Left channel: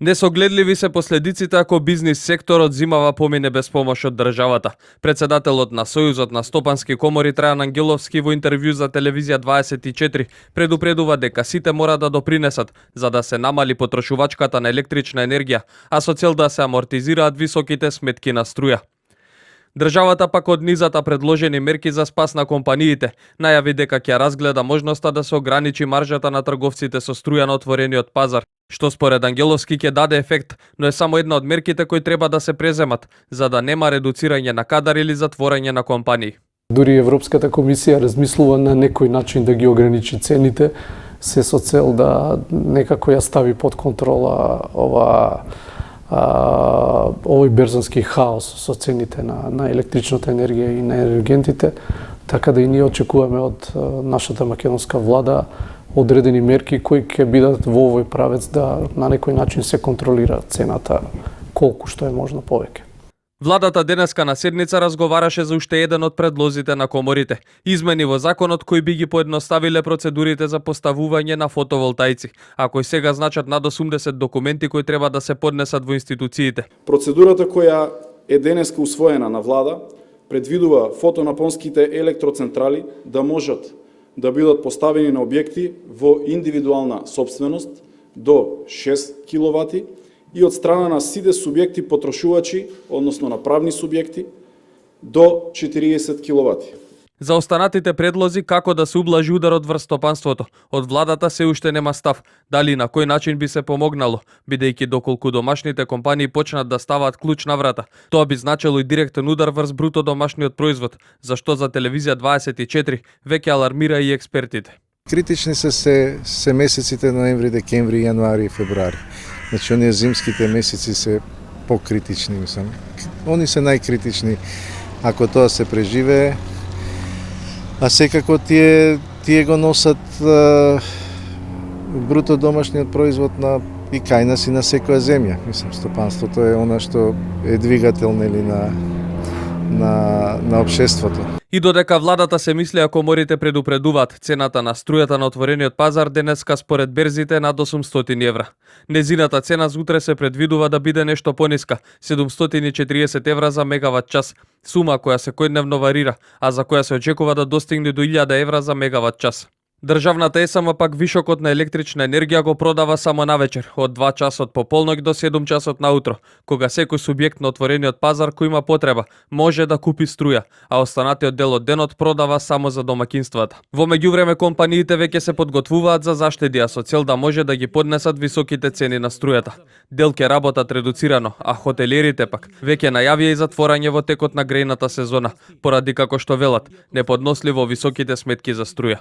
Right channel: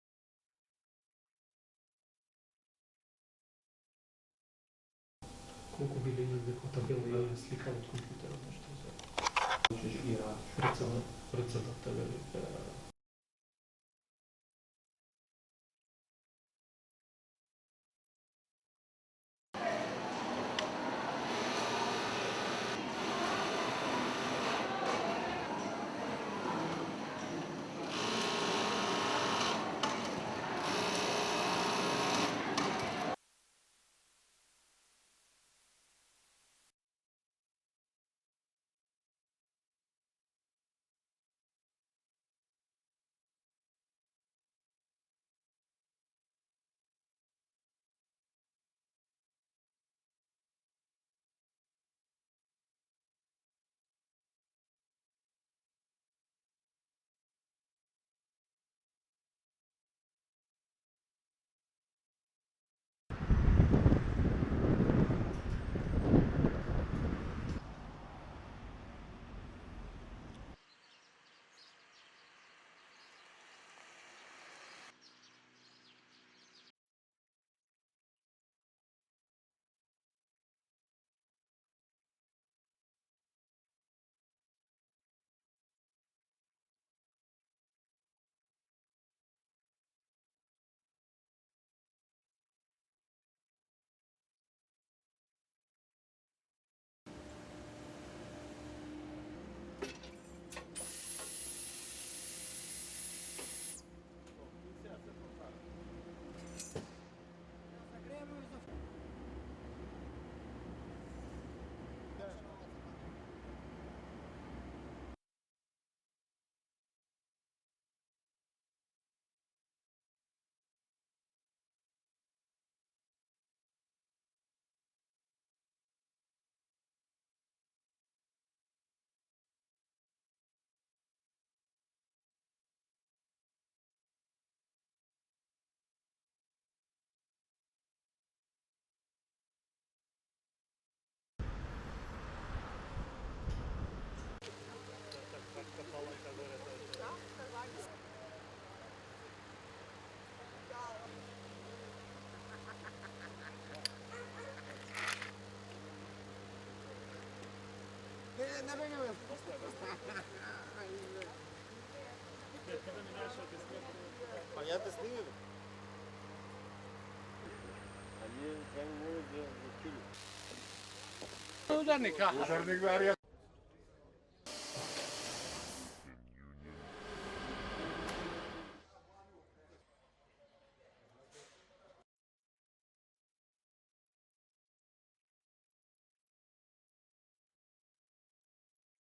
Несогледливи се последиците ако бизнис секторот зимава помине без помош од државата. Председателот на Сојузот на стопански комори Трајан Ангеловски во интервју за телевизија 24 предупредува дека сите мора да допринесат за да се намали потрошувачката на електрична енергија, а со цел да се амортизираат високите сметки на струја. Државата пак од низата предложени мерки за спас на компаниите најави дека ќе разгледа можноста да се ограничи маржата на трговците со струја на отворениот пазар, што според Ангеловски ќе даде ефект, но е само една од мерките кои треба да се преземат, за да нема редуцирање на кадар или затворање на компании. Дури Европската комисија размислува на некој начин да ги ограничи цените, се со цел да некако ја стави под контрола овој берзански хаос со цените на електричната енергија и на енергентите, така да и ние очекуваме од нашата македонска влада одредени мерки кои ќе бидат во овој правец да на некој начин се контролира цената колку што е можно повеќе. Владата денеска на седница разговараше за уште еден од предлозите на коморите. Измени во законот кои би ги поедноставиле процедурите за поставување на фотоволтаици, а кои сега значат над 80 документи кои треба да се поднесат во институциите. Процедурата која е денеска усвоена на влада предвидува фотонапонските електроцентрали да можат да бидат поставени на објекти во индивидуална собственост до 6 киловати и од страна на сите субјекти потрошувачи, односно на правни субјекти, до 40 киловати. За останатите предлози како да се ублажи ударот врз стопанството, од владата се уште нема став, дали на кој начин би се помогнало, бидејќи доколку домашните компании почнат да ставаат клуч на врата. Тоа би значило и директен удар врз бруто домашниот производ, за што за телевизија 24 веќе алармира и експертите. Критични се месеците ноември, декември, јануари и февруари. Значи, оние зимските месеци се покритични, мислам. Они се најкритични ако тоа се преживее. А секако тие го носат бруто домашниот производ и кај нас и на секоја земја. Мислам, стопанството е она што е двигател нели на општеството. И додека владата се мисли ако коморите предупредуваат, цената на струјата на отворениот пазар денеска според берзите над 800 евра. Незината цена за утре се предвидува да биде нешто пониска, 740 евра за мегават час, сума која секојдневно варира, а за која се очекува да достигне до 1000 евра за мегават час. Државната ЕСМ пак вишокот на електрична енергија го продава само навечер, од 2 часот по полноќ до 7 часот наутро, кога секој субјект на отворениот пазар кој има потреба може да купи струја, а останатиот дел од денот продава само за домаќинствата. Во меѓувреме компаниите веќе се подготвуваат за заштеди, а со цел да може да ги поднесат високите цени на струјата. Дел ќе работат редуцирано, а хотелиерите пак веќе најавија и затворање во текот на грејната сезона, поради како што велат, неподносливо високите сметки за струја.